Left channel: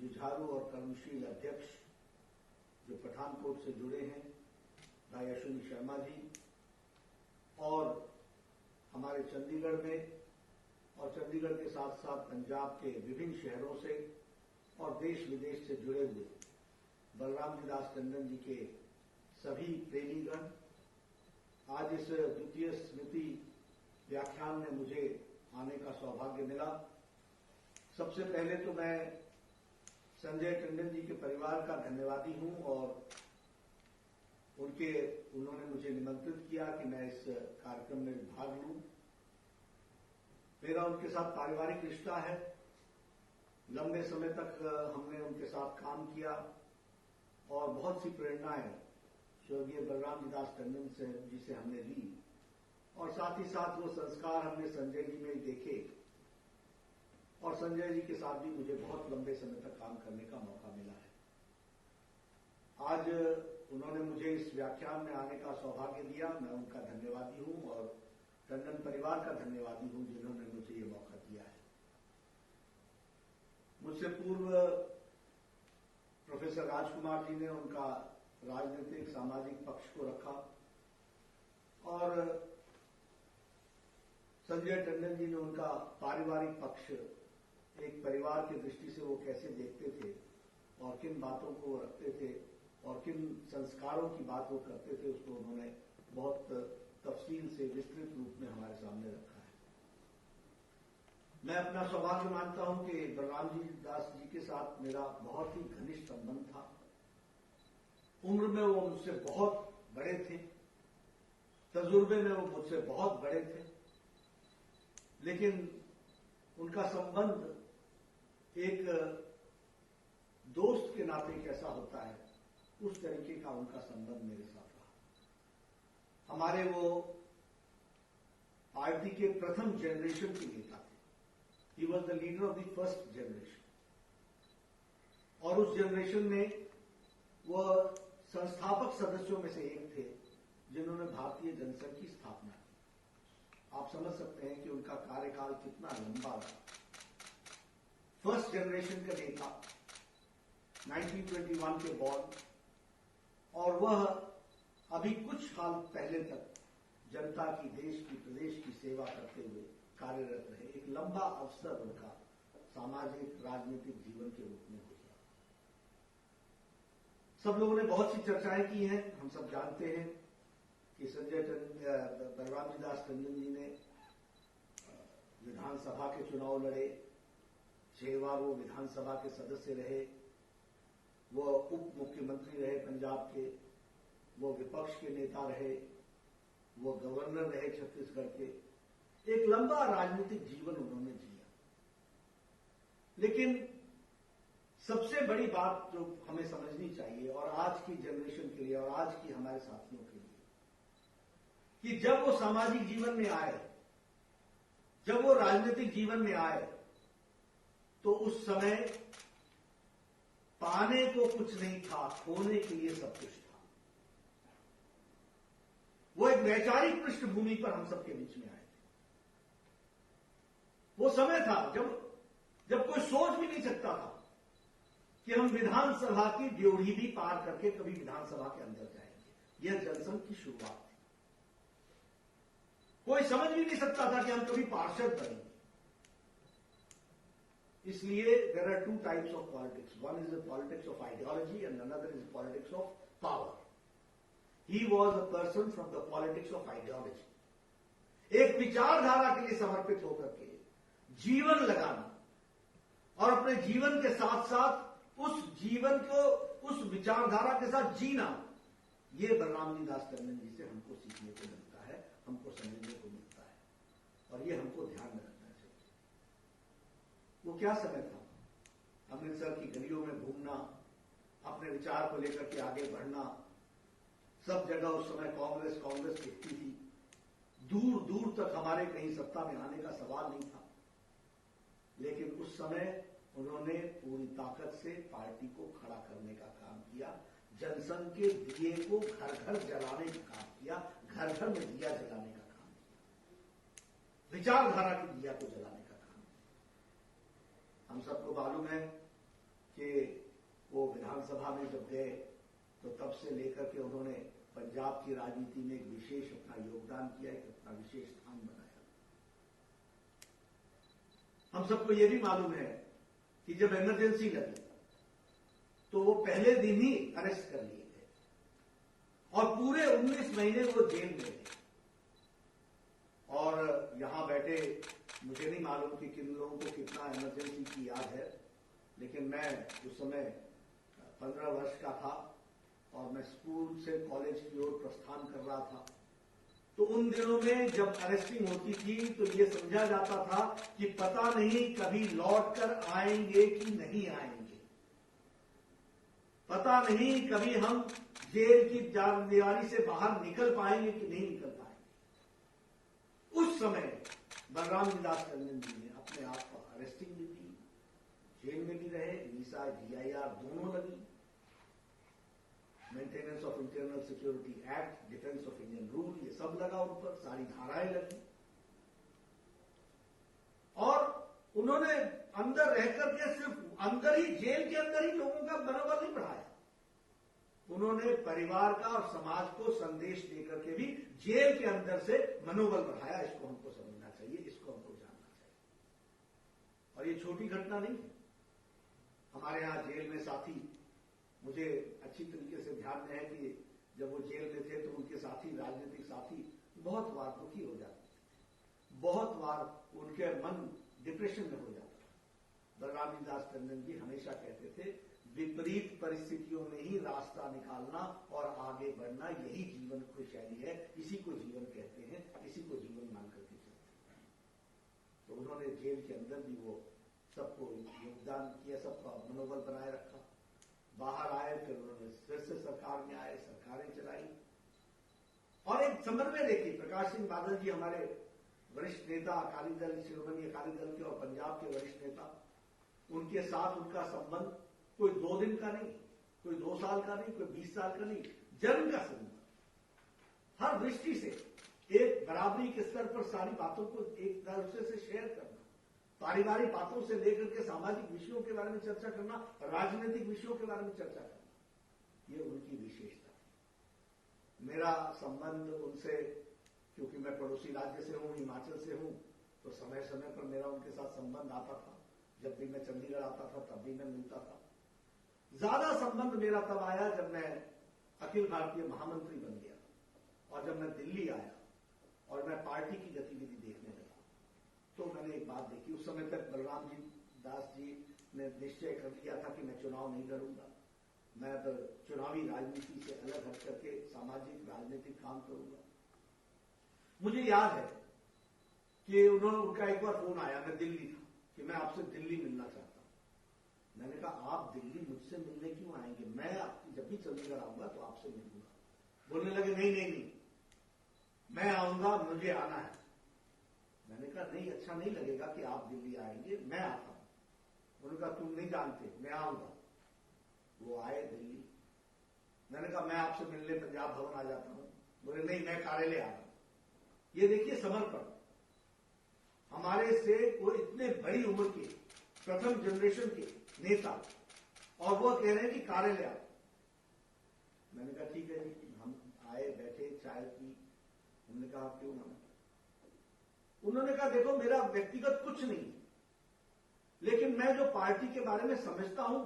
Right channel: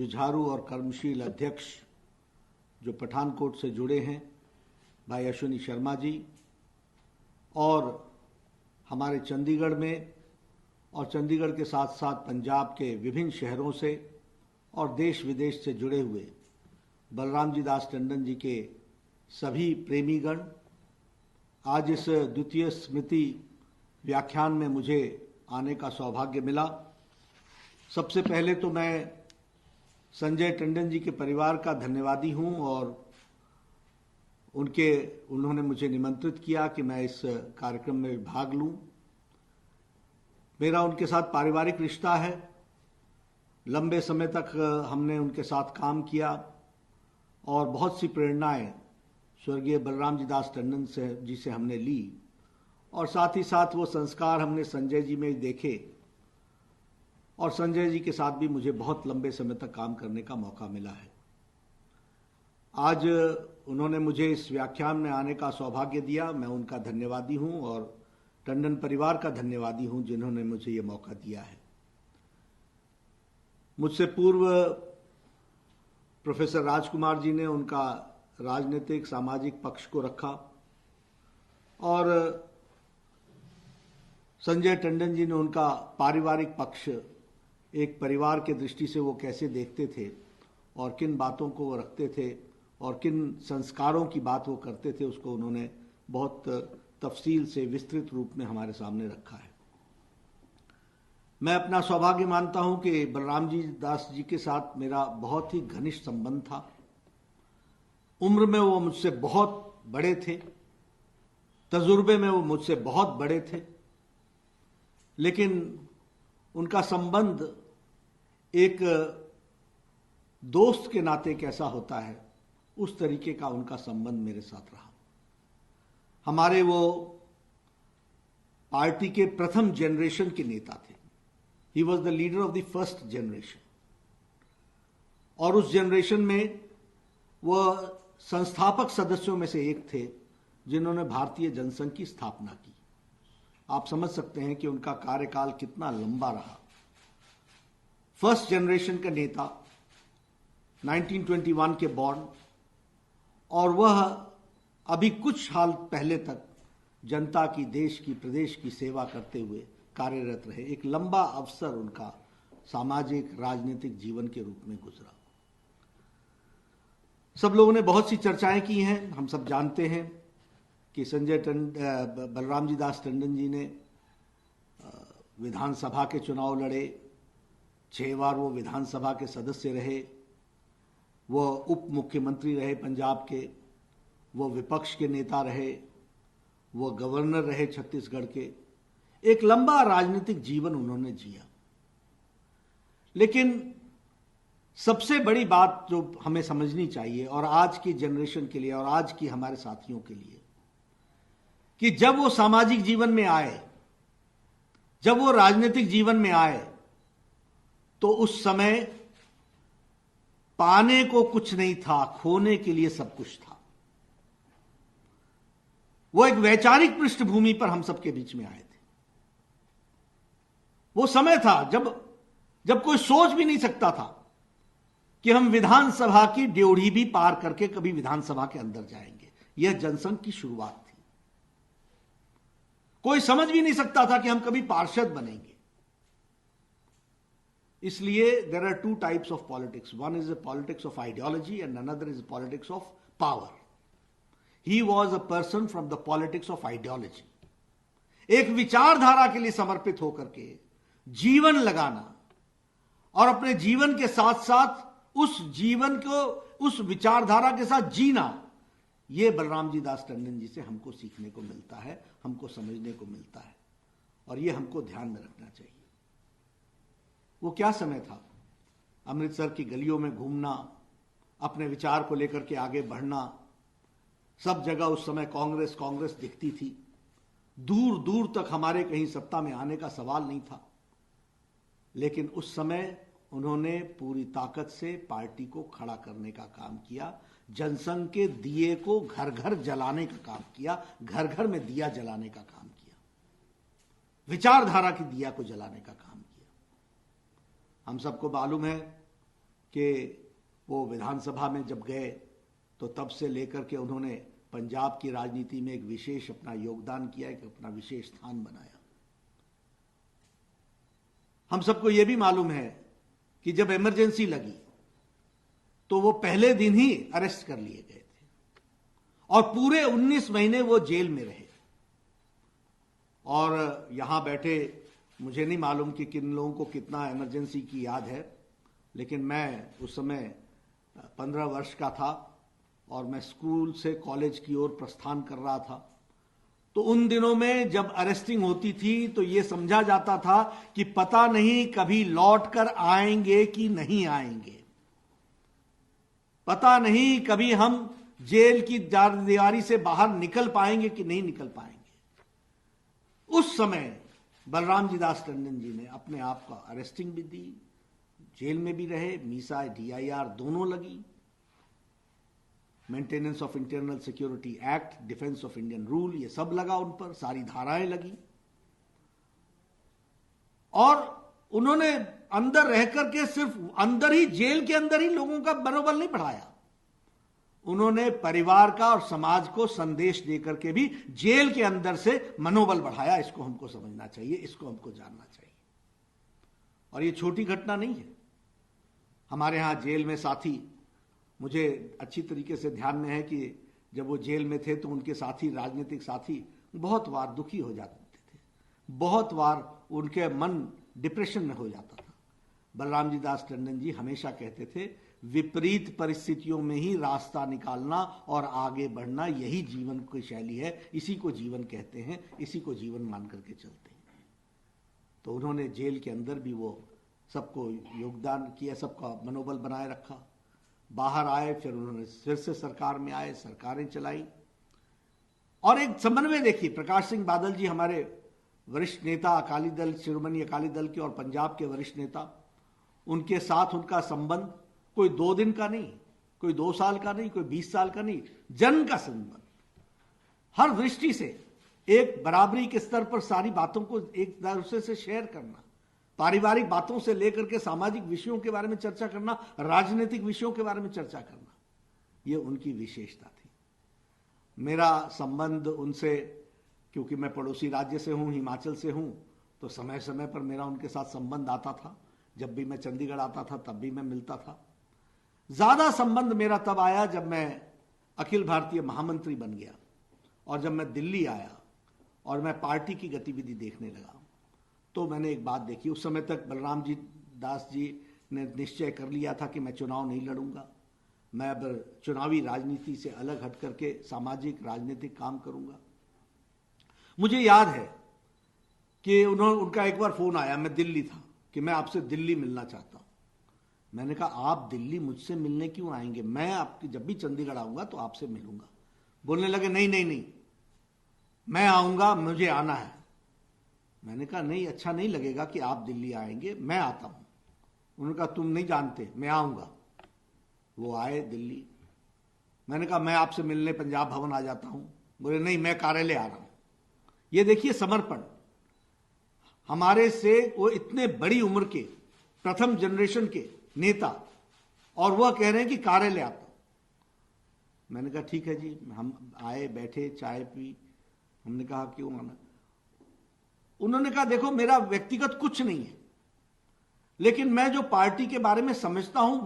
जुझारू और कर्मशील अध्यक्ष जो पठानकोट से जुड़े हैं, भाई अश्विनी शर्मा जी, और हमारे चंडीगढ़ में और चंडीगढ़ के साथ साथ पंजाब के विभिन्न शहरों से और देश विदेश से जुड़े हुए बलराम जी दास टंडन जी के सभी प्रेमीगण, आज इस द्वितीय स्मृति व्याख्यान में मुझे आने का सौभाग्य मिला। सबसे पहले तो मैं संजय टंडन जी के परिवार का धन्यवादी हूं और उन्होंने मुझे निमंत्रित किया कि मैं इस कार्यक्रम में भाग लूं। मेरा उनके साथ पारिवारिक रिश्ता है, लंबे समय तक हमने उनके साथ काम किया और बहुत सी प्रेरणाएं स्वर्गीय बलराम जी दास टंडन जी से हमने ली और साथ ही साथ वो संस्कार हमने संजय जी में देखे और संजय जी के साथ भी मुझे बहुत लंबे समय तक काम करने का मौका मिला है। आज उन्होंने मुझे इस व्याख्यान में आने का सौभाग्य दिया, मैं उनका धन्यवादी हूं और टंडन परिवार का धन्यवादी हूं जिन्होंने मुझे ये मौका दिया है। मुझसे पूर्व प्रोफेसर राजकुमार जी ने उनका राजनीतिक सामाजिक पक्ष को रखा और संजय टंडन जी ने उनका पारिवारिक पक्ष, एक परिवार के दृष्टि से वो कैसे देखते थे और किन बातों को वो रखते थे और किन संस्कारों की बात वो करते थे, उसको उन्होंने बहुत तफसील से विस्तृत रूप में हमारे सामने रखा है। मैं अपना सौभाग्य मानता हूं कि बलराम जी दास जी के साथ मेरा बहुत ही घनिष्ठ संबंध था। उम्र में वो मुझसे बहुत बड़े थे, तजुर्बे में वो मुझसे बहुत बड़े थे, लेकिन उनका संबंध एक दोस्त के नाते कैसा होता है, उस तरीके का उनका संबंध मेरे साथ रहा। हमारे वो पार्टी के प्रथम जनरेशन के नेता थे। He was the leader of the first generation और उस जनरेशन में वह संस्थापक सदस्यों में से एक थे जिन्होंने भारतीय जनसंघ की स्थापना की। आप समझ सकते हैं कि उनका कार्यकाल कितना लंबा रहा। फर्स्ट जनरेशन का नेता, 1921 के बॉर्न, और वह अभी कुछ साल पहले तक जनता की, देश की, प्रदेश की सेवा करते हुए कार्यरत रहे। एक लंबा अवसर उनका सामाजिक राजनीतिक जीवन के रूप में गुजरा। सब लोगों ने बहुत सी चर्चाएं की हैं। हम सब जानते हैं कि बलराम जी दास टंडन जी ने विधानसभा के चुनाव लड़े, 6 बार वो विधानसभा के सदस्य रहे, वो उप मुख्यमंत्री रहे पंजाब के, वो विपक्ष के नेता रहे, वो गवर्नर रहे छत्तीसगढ़ के। एक लंबा राजनीतिक जीवन उन्होंने जिया। लेकिन सबसे बड़ी बात जो हमें समझनी चाहिए और आज की जनरेशन के लिए और आज की हमारे साथियों के लिए, कि जब वो सामाजिक जीवन में आए, जब वो राजनीतिक जीवन में आए, तो उस समय पाने को कुछ नहीं था, खोने के लिए सब कुछ था। वो एक वैचारिक पृष्ठभूमि पर हम सबके बीच में आए थे। वो समय था जब कोई सोच भी नहीं सकता था कि हम विधानसभा की ड्योढ़ी भी पार करके कभी विधानसभा के अंदर जाएंगे। यह जनसंघ की शुरुआत थी। कोई समझ भी नहीं सकता था कि हम कभी पार्षद बनेंगे। इसलिए there are 2 types of politics. One is a politics of ideology and another is a politics of power. He was a person from the politics of ideology. एक विचारधारा के लिए समर्पित होकर के जीवन लगाना और अपने जीवन के साथ साथ उस जीवन को उस विचारधारा के साथ जीना, यह बलराम जी दास टंडन जी से हमको सीखने को मिलता है, हमको समझने को मिलता है और यह हमको ध्यान में रखना चाहिए। वो क्या समय था, अमृतसर की गलियों में घूमना, अपने विचार को लेकर के आगे बढ़ना। सब जगह उस समय कांग्रेस कांग्रेस दिखती थी। दूर दूर तक हमारे कहीं सत्ता में आने का सवाल नहीं था, लेकिन उस समय उन्होंने पूरी ताकत से पार्टी को खड़ा करने का काम किया। जनसंघ के दिए को घर घर जलाने का काम किया, घर घर में दिया जलाने का काम किया, विचारधारा की दिया को जलाने का काम किया। हम सबको मालूम है कि वो विधानसभा में जब गए तो तब से लेकर के उन्होंने पंजाब की राजनीति में एक विशेष अपना योगदान किया, एक अपना विशेष स्थान बनाया। हम सबको यह भी मालूम है कि जब इमरजेंसी लगी तो वो पहले दिन ही अरेस्ट कर लिए गए थे और पूरे 19 महीने वो जेल में रहे। और यहां बैठे मुझे नहीं मालूम कि किन लोगों को कितना इमरजेंसी की याद है, लेकिन मैं उस समय 15 वर्ष का था और मैं स्कूल से कॉलेज की ओर प्रस्थान कर रहा था। तो उन दिनों में जब अरेस्टिंग होती थी तो यह समझा जाता था कि पता नहीं कभी लौट कर आएंगे कि नहीं आएंगे, पता नहीं कभी हम जेल की दीवारी से बाहर निकल पाएंगे कि नहीं निकल पाएंगे। उस समय बलराम जी दास टंडन जी ने अपने आप का अरेस्टिंग भी दी, जेल में भी रहे, मीसा DIR दोनों लगी, maintenance of internal security act, defence of Indian rule, ये सब लगा उन पर, सारी धाराएं लगी। और उन्होंने अंदर रह करके सिर्फ अंदर ही, जेल के अंदर ही लोगों का मनोबल नहीं बढ़ाया, उन्होंने परिवार का और समाज को संदेश देकर के भी जेल के अंदर से मनोबल बढ़ाया। इसको हमको समझना चाहिए, इसको हमको जानना चाहिए। और ये छोटी घटना नहीं है। हमारे यहां जेल में साथी, मुझे अच्छी तरीके से ध्यान में है कि जब वो जेल में थे तो उनके साथी, राजनीतिक साथी, बहुत बार दुखी हो जाते थे, बहुत बार उनके मन डिप्रेशन में हो जाता था। बलराम जी दास टंडन जी हमेशा कहते थे, विपरीत परिस्थितियों में ही रास्ता निकालना और आगे बढ़ना, यही जीवन की शैली है, इसी को जीवन कहते हैं, इसी को जीवन मान करके चलते हैं। तो उन्होंने जेल के अंदर भी वो सबको योगदान किया, सबका मनोबल बनाए रखा। बाहर आए, फिर उन्होंने फिर से सरकार में आए, सरकारें चलाई। और एक समन्वय देखिए, प्रकाश सिंह बादल जी हमारे वरिष्ठ नेता, अकाली दल, शिरोमणि अकाली दल के और पंजाब के वरिष्ठ नेता, उनके साथ उनका संबंध कोई 2 दिन का नहीं, कोई 2 साल का नहीं, कोई 20 साल का नहीं, जन्म का संबंध। हर दृष्टि से एक बराबरी के स्तर पर सारी बातों को एक दूसरे से शेयर करना, पारिवारिक बातों से लेकर के सामाजिक विषयों के बारे में चर्चा करना, राजनीतिक विषयों के बारे में चर्चा करना, यह उनकी विशेषता थी। मेरा संबंध उनसे, क्योंकि मैं पड़ोसी राज्य से हूं, हिमाचल से हूं, तो समय समय पर मेरा उनके साथ संबंध आता था। जब भी मैं चंडीगढ़ आता था तब भी मैं मिलता था। ज्यादा संबंध मेरा तब आया जब मैं अखिल भारतीय महामंत्री बन गया और जब मैं दिल्ली आया और मैं पार्टी की गतिविधि देखने लगा, तो मैंने एक बात देखी। उस समय तक बलराम जी दास जी ने निश्चय कर लिया था कि मैं चुनाव नहीं लड़ूंगा, मैं अब चुनावी राजनीति से अलग हट करके सामाजिक राजनीतिक काम करूंगा। मुझे याद है कि उनका एक बार फोन आया, मैं दिल्ली था, कि मैं आपसे दिल्ली मिलना चाहता हूं। मैंने कहा, आप दिल्ली मुझसे मिलने क्यों आएंगे, मैं आपकी जब भी चंडीगढ़ आऊंगा तो आपसे मिलूंगा। बोलने लगे, नहीं नहीं नहीं, मैं आऊंगा, मुझे आना है। मैंने कहा, नहीं, अच्छा नहीं लगेगा कि आप दिल्ली आएंगे, मैं आता हूं। उन्होंने कहा, तुम नहीं जानते, मैं आऊंगा। वो आए दिल्ली। मैंने कहा, मैं आपसे मिलने पंजाब भवन आ जाता हूं। बोले, नहीं, मैं कार्यालय आ रहा हूं। ये देखिए समर्पण। हमारे से वो इतने बड़ी उम्र के प्रथम जनरेशन के नेता, और वह कह रहे हैं कि कार्यालय आता हूं। मैंने कहा, ठीक है जी। हम आए, बैठे, चाय पी। हमने कहा, क्यों आना? उन्होंने कहा, देखो, मेरा व्यक्तिगत कुछ नहीं है, लेकिन मैं जो पार्टी के बारे में समझता हूं